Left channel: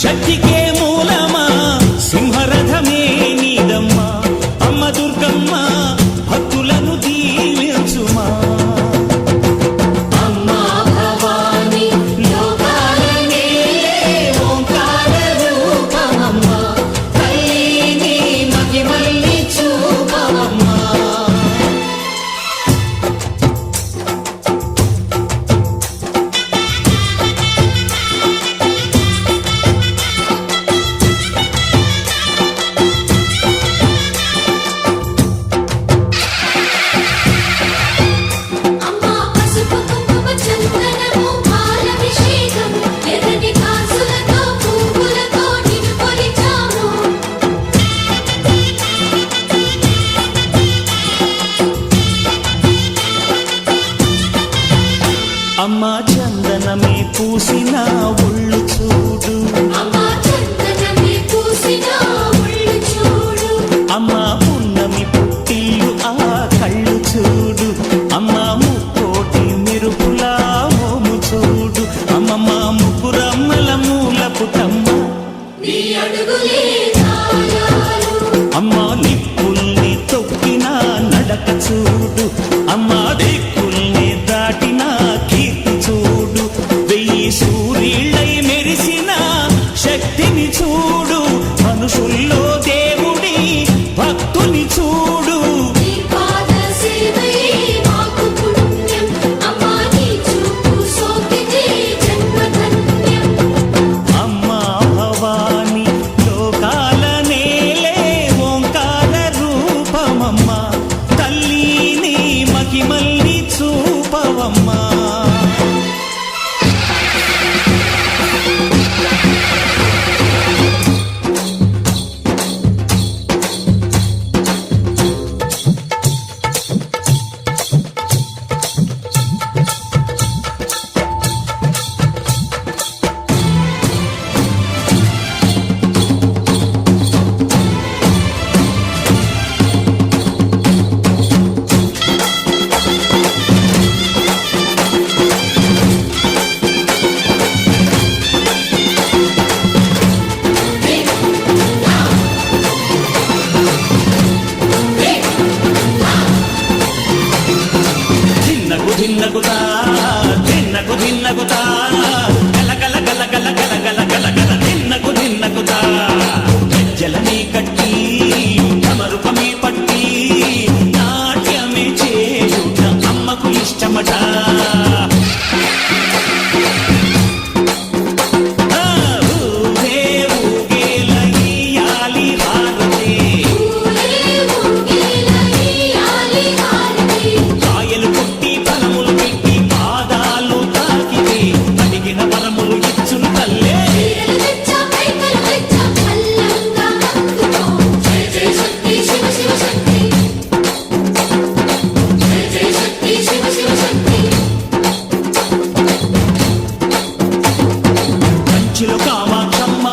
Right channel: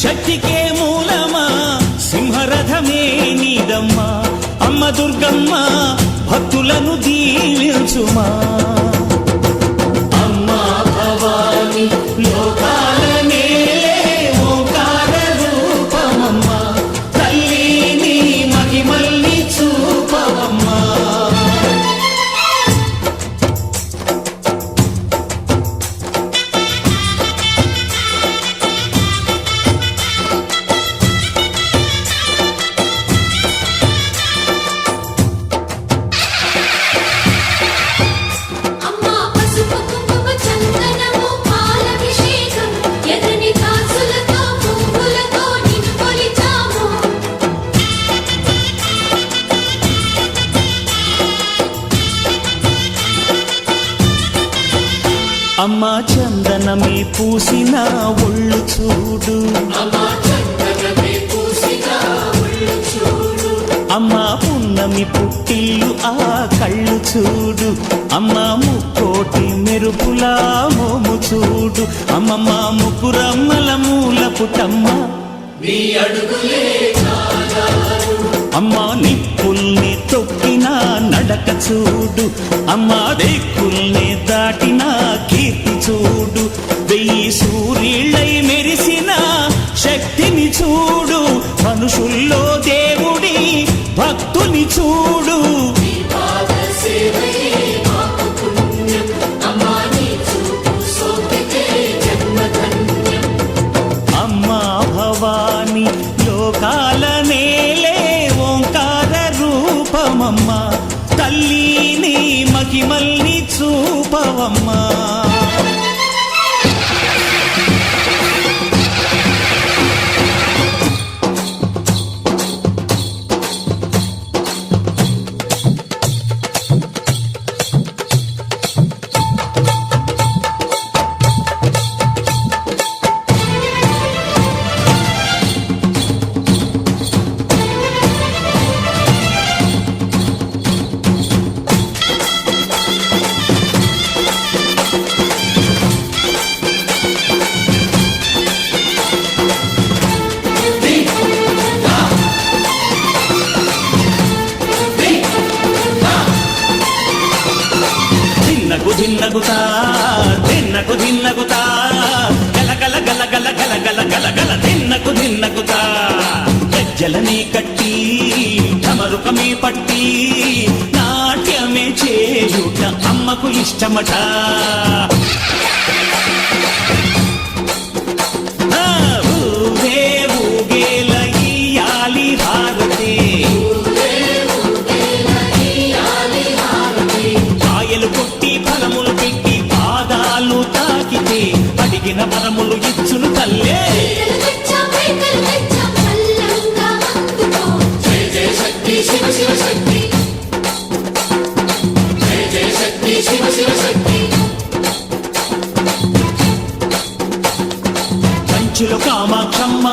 శక్తికే మూలమా సింహరథమే నీదమ్మా అమ్మ దుర్గమ్మ భక్తులను దీవించుమా అమ్మా భవాని లోకాల నేలే ఓంకార రూపమమ్మా తల్లిని మహిమల్ని చూపవమ్మా అమ్మా చందనమే పూసిన ఒళ్ళు చూడు అమ్మా పున్నమి పుట్టిల్లు ఆ కళ్ళు చూడు అమ్మా ముక్కోటి మెరుపులా మోము చూడు అమ్మమ్మ ముగ్గురమ్మల మూల పుటమ్మ అమ్మా నిప్పుల్ని తొక్కిన నడక చూడు అమ్మా దిక్కుల్ని దాటిన కీర్తి చూడు 1000 సూర్యుళ్ళై మెరిసిన శక్తిని చూడు మనుషుల్లో దేవుడి భక్తుని చూడు అమ్మా భవాని లోకాల నేలే ఓంకార రూపమమ్మా తల్లిని మహిమల్ని చూపవమ్మా ధిన్నకుతా ధిన్నకు ధిన్నకుతా గల గల గల గల గల గల గల గల ధిన్నకుతా గజ్జలనే కట్టి ఢమరుకమే పట్టి నాట్యమే చేయుట అమ్మకు ఇష్టమట ఊరే ఊగేల ఇయ్యాలి హారతి కాయలు కొట్టి ఫలములు పెట్టి పాదాలు తాకితే అడిగిన వరములు ఇచ్చును తల్లే కంచిలో కామాక్షమ్మ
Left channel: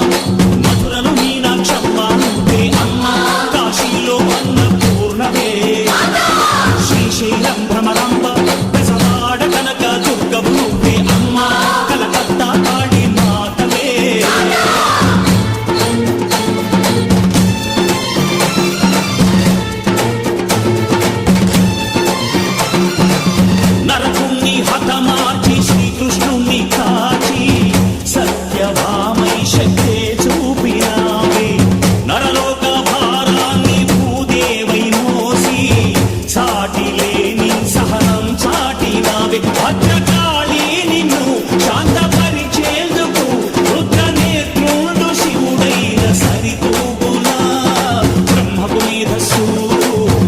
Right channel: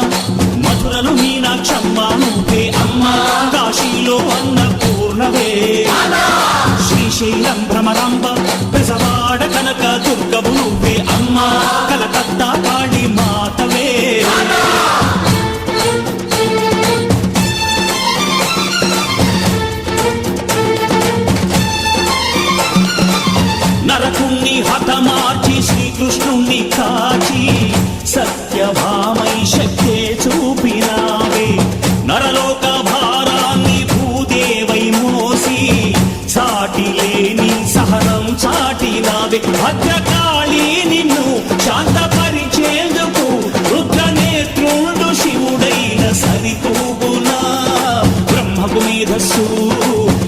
మధురలు మీనాక్షమ్మ నువ్వే అమ్మ కాశీలో అన్నపూర్ణవే శ్రీశైలం భ్రమరాంబ బెజవాడ కనక దుర్గవు నువ్వే అమ్మ కలకత్తా కాళీ మాతవే నరకుణ్ణి హతమార్చి శ్రీకృష్ణుణ్ణి కాచి సత్యభామై శక్తే చూపినావే నరలోక భారాన్ని భూదేవై మోసి సాటి లేని సహనం చాటినావే భద్రకాళి నిన్ను శాంతపరిచేందుకు రుద్రనేత్రుండు శివుడైన సరితూగులా బ్రహ్మకు మేధస్సు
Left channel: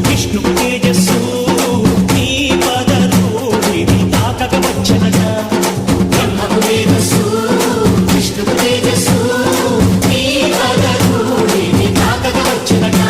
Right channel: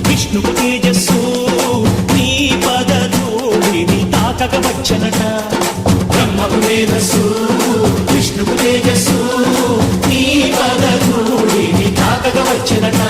విష్ణుకు తేజస్సు నీ పదధూళిని తాకక వచ్చనట బ్రహ్మకు మేధస్సు విష్ణుకు తేజస్సు నీ పదధూళిని తాకక వచ్చనట